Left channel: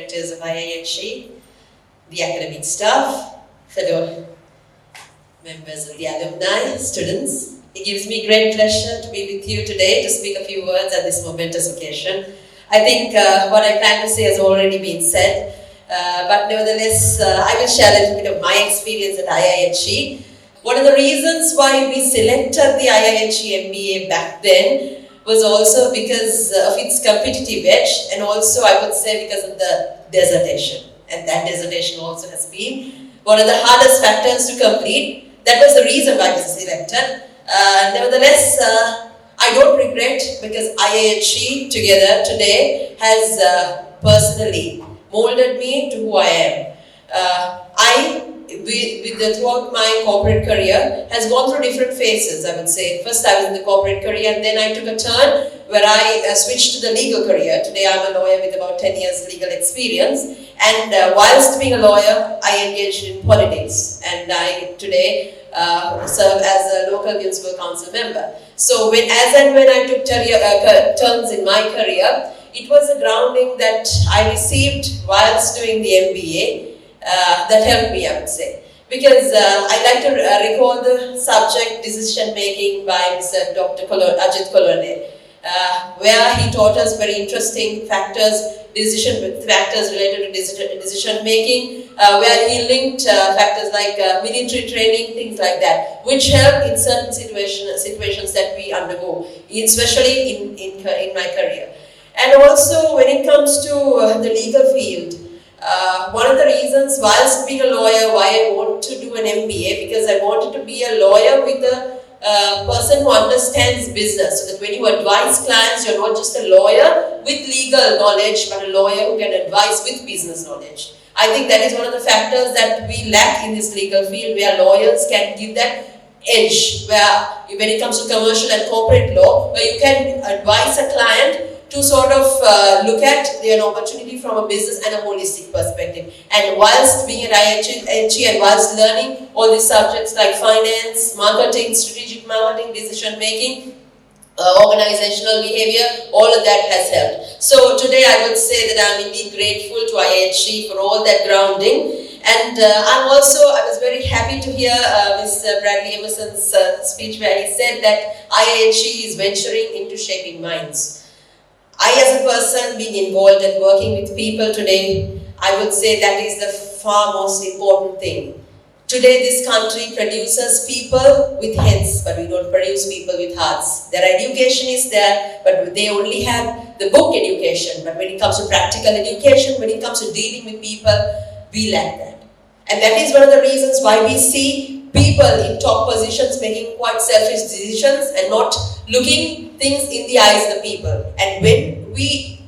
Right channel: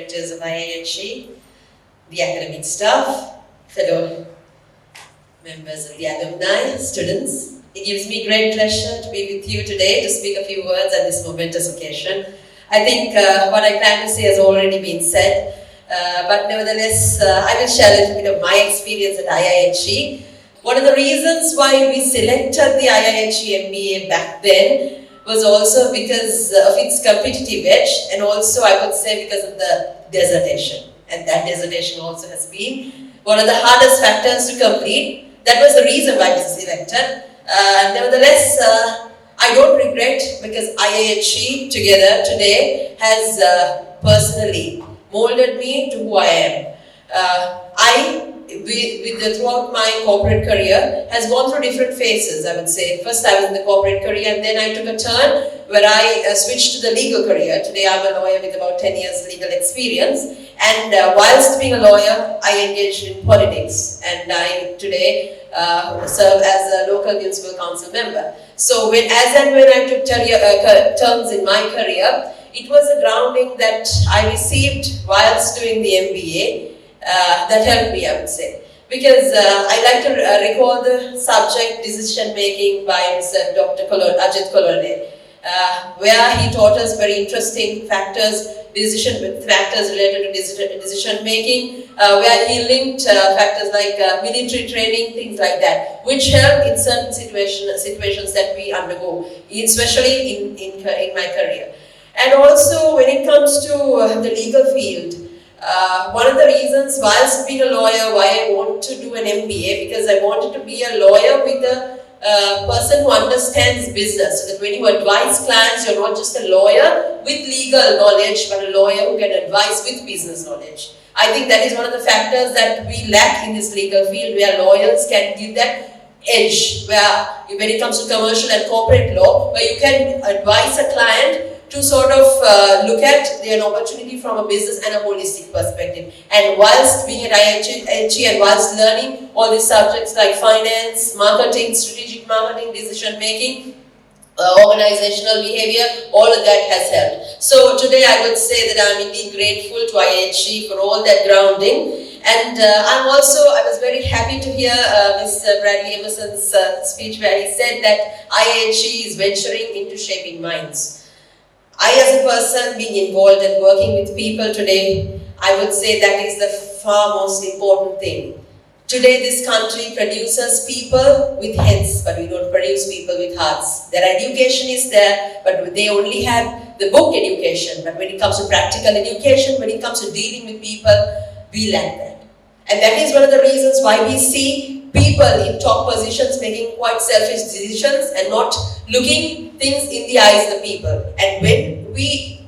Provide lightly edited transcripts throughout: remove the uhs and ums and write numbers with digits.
directors of IIHE, the academic staff, fellow members of the alumni, students. It gives me great pleasure to be with you today to speak a few words at this momentous occasion. I think what I plan to say has already been said, but nevertheless, I will share a little bit of my experience at IIHE. One of the reasons why we selected the IIHE MBA back then was also because of its competitive edge, and also I would say because of the dissertation. And that dissertation also has been one of the hardest factors to complete. That was the reason why we selected. Nevertheless, I don't regret, because IIHE together today has personally molded me to who I am. Throughout my corporate career, has gone through different phases, I would say. First I was in the corporate career, and then I took a turn where I switched to the legal career. Today I'm a lawyer with about 10 years legal experience, and whilst being a lawyer, I engaged in politics, and I today serve as a local municipal council member. So when I took turns in my career, it was a grounding that I received whilst doing the MBA. That helped me, I would say. Because I like to recall the subject decision making by Mr. Dr. Ajit Kolode, where he taught us very interesting factors related to decision making, where he linked factors like military training, things like that, which help in certain situations that we undergo, especially in my career. And also when it comes to the legal field, one of the reasons, whilst being a lawyer, why I want to do an MBA, because I wanted to be a lawyer with a person who understands business, so that when you advise clients, you're not just a lawyer with legal knowledge, but a lawyer who can advise with business knowledge. I think that is one of the factors that we lack in this legal field, where lawyers can give that edge, where when it comes to commercial and corporate law, where you can advise a client to sort of look at an opportunity from a business and a holistic perspective. And whilst being at IIHE and whilst learning all these subjects like finance, marketing, strategic marketing, decision making, organizational behavior, all of that has helped. So today I would say that I'm indeed grateful to IIHE for all that grounding. And I was very happy to hear Mr. Bradley Emerson's speech, where he said that IIHE is venturing into shaping minds. I, as a person, being involved and working with people today, I would say that is the far most important thing. Today, this country produces people with heads, but we don't produce people with hearts. Their education is there, but they only have the book education. But when it comes to practical education, when it comes to dealing with people, we lack that. And that is one of the reasons why we see people in top positions making quite selfish decisions and not looking things in the eyes of the people. And when we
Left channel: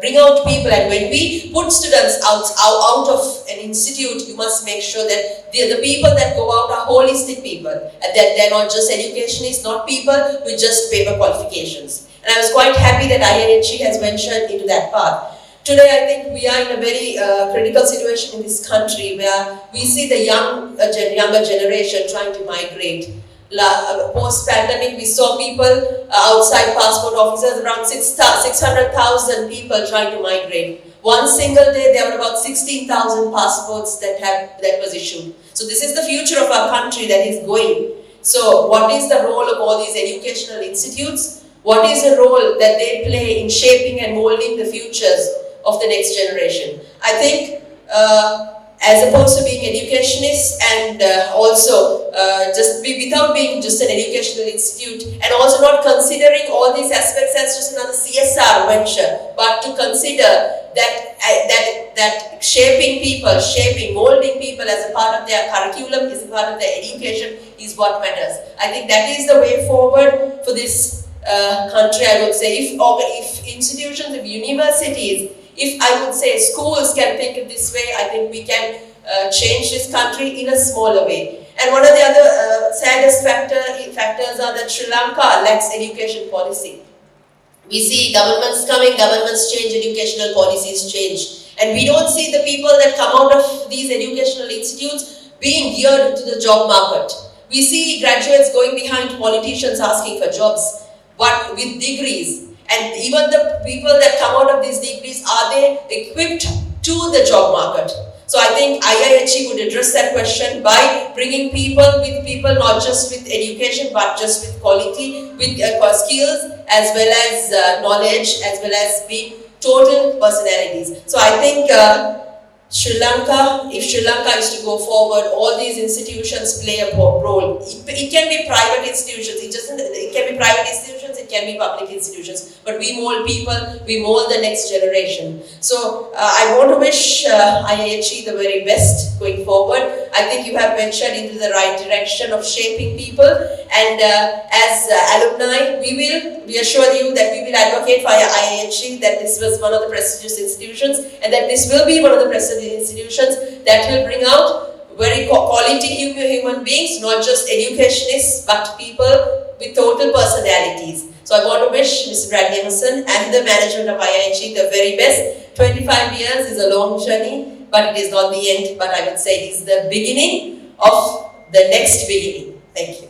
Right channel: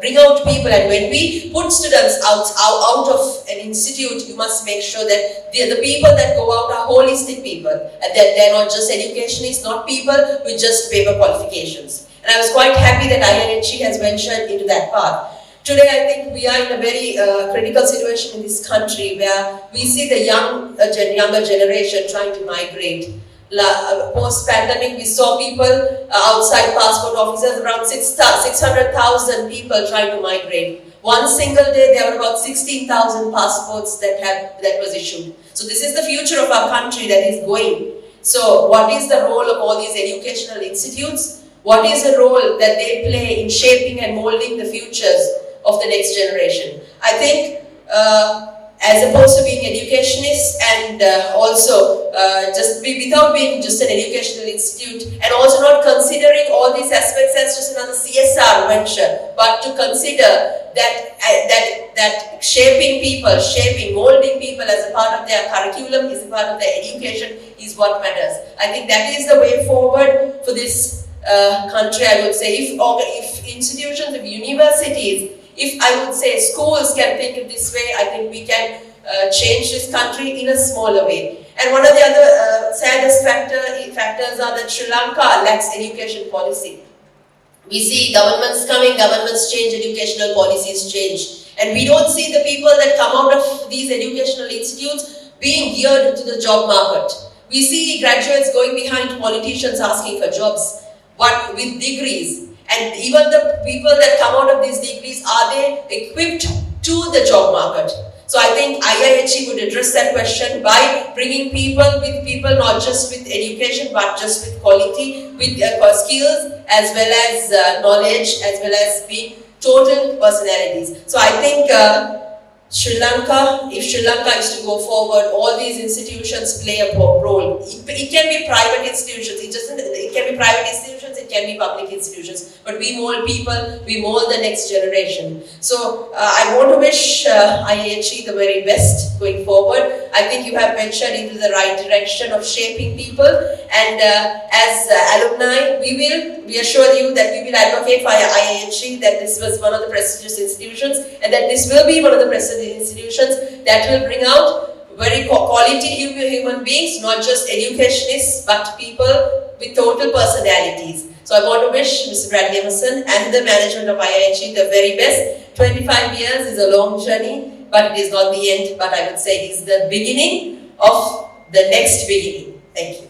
bring out people, and when we put students out of an institute, you must make sure that the people that go out are holistic people, and that they're not just educationists, not people with just paper qualifications. And I was quite happy that IIHE has ventured into that path. Today, I think we are in a very critical situation in this country, where we see the younger generation trying to migrate. Post-pandemic, we saw people outside passport offices, around 600,000 people trying to migrate. One single day, there were about 16,000 passports that was issued. So this is the future of our country that is going. So what is the role of all these educational institutes? What is the role that they play in shaping and molding the futures of the next generation? I think as opposed to being educationists and also without being just an educational institute, and also not considering all these aspects as just another CSR venture, but to consider that shaping people, molding people as a part of their curriculum, is a part of their education, is what matters. I think that is the way forward for this country, I would say. If institutions, if universities, if I would say schools can think of this way, I think we can change this country in a smaller way. And one of the other saddest factors are that Sri Lanka lacks education policy. We see governments coming, governments change, educational policies change. And we don't see the people that come out of these educational institutes being geared to the job market. We see graduates going behind politicians asking for jobs, but with degrees. And even the people that come out of these degrees, are they equipped to the job market? So I think IIHE would address that question by bringing people not just with education, but just with quality, with skills, as well as knowledge, as well as being total personalities. So I think Sri Lanka, if Sri Lanka is to go forward, all these institutions play a role. It can be private institutions, it can be private institutions, it can be public institutions, but we mold people, we mold the next generation. So I want to wish IIHE the very best going forward. I think you have ventured into the right direction of shaping people, and as alumni, we assure you that we will advocate for IIHE, that this was one of the prestigious institutions, and that this will be one of the prestigious institutions that will bring out very quality human beings, not just educationists, but people with total personalities. So I want to wish Mr. Bradley Emerson and the management of IIHE the very best. 25 years is a long journey, but it is not the end, but I would say it's the beginning of the next beginning. Thank you.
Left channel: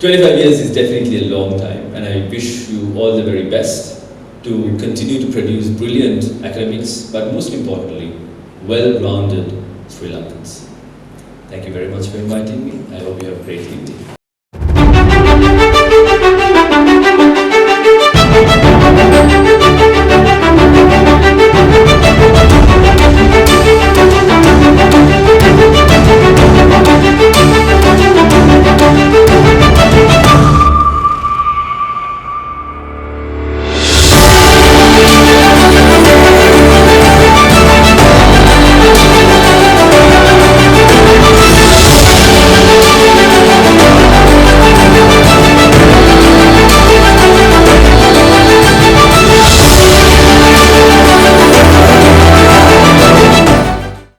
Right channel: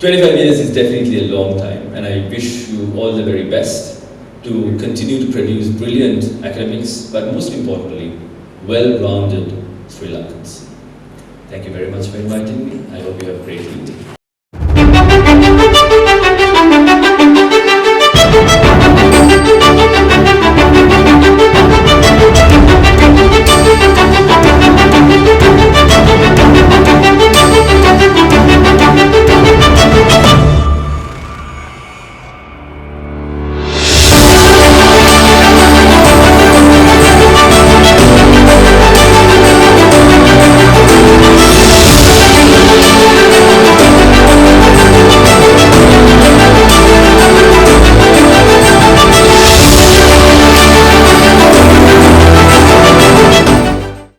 25 years is definitely a long time, and I wish you all the very best to continue to produce brilliant academics, but most importantly, well-rounded Sri Lankans. Thank you very much for inviting me. I hope you have a great evening.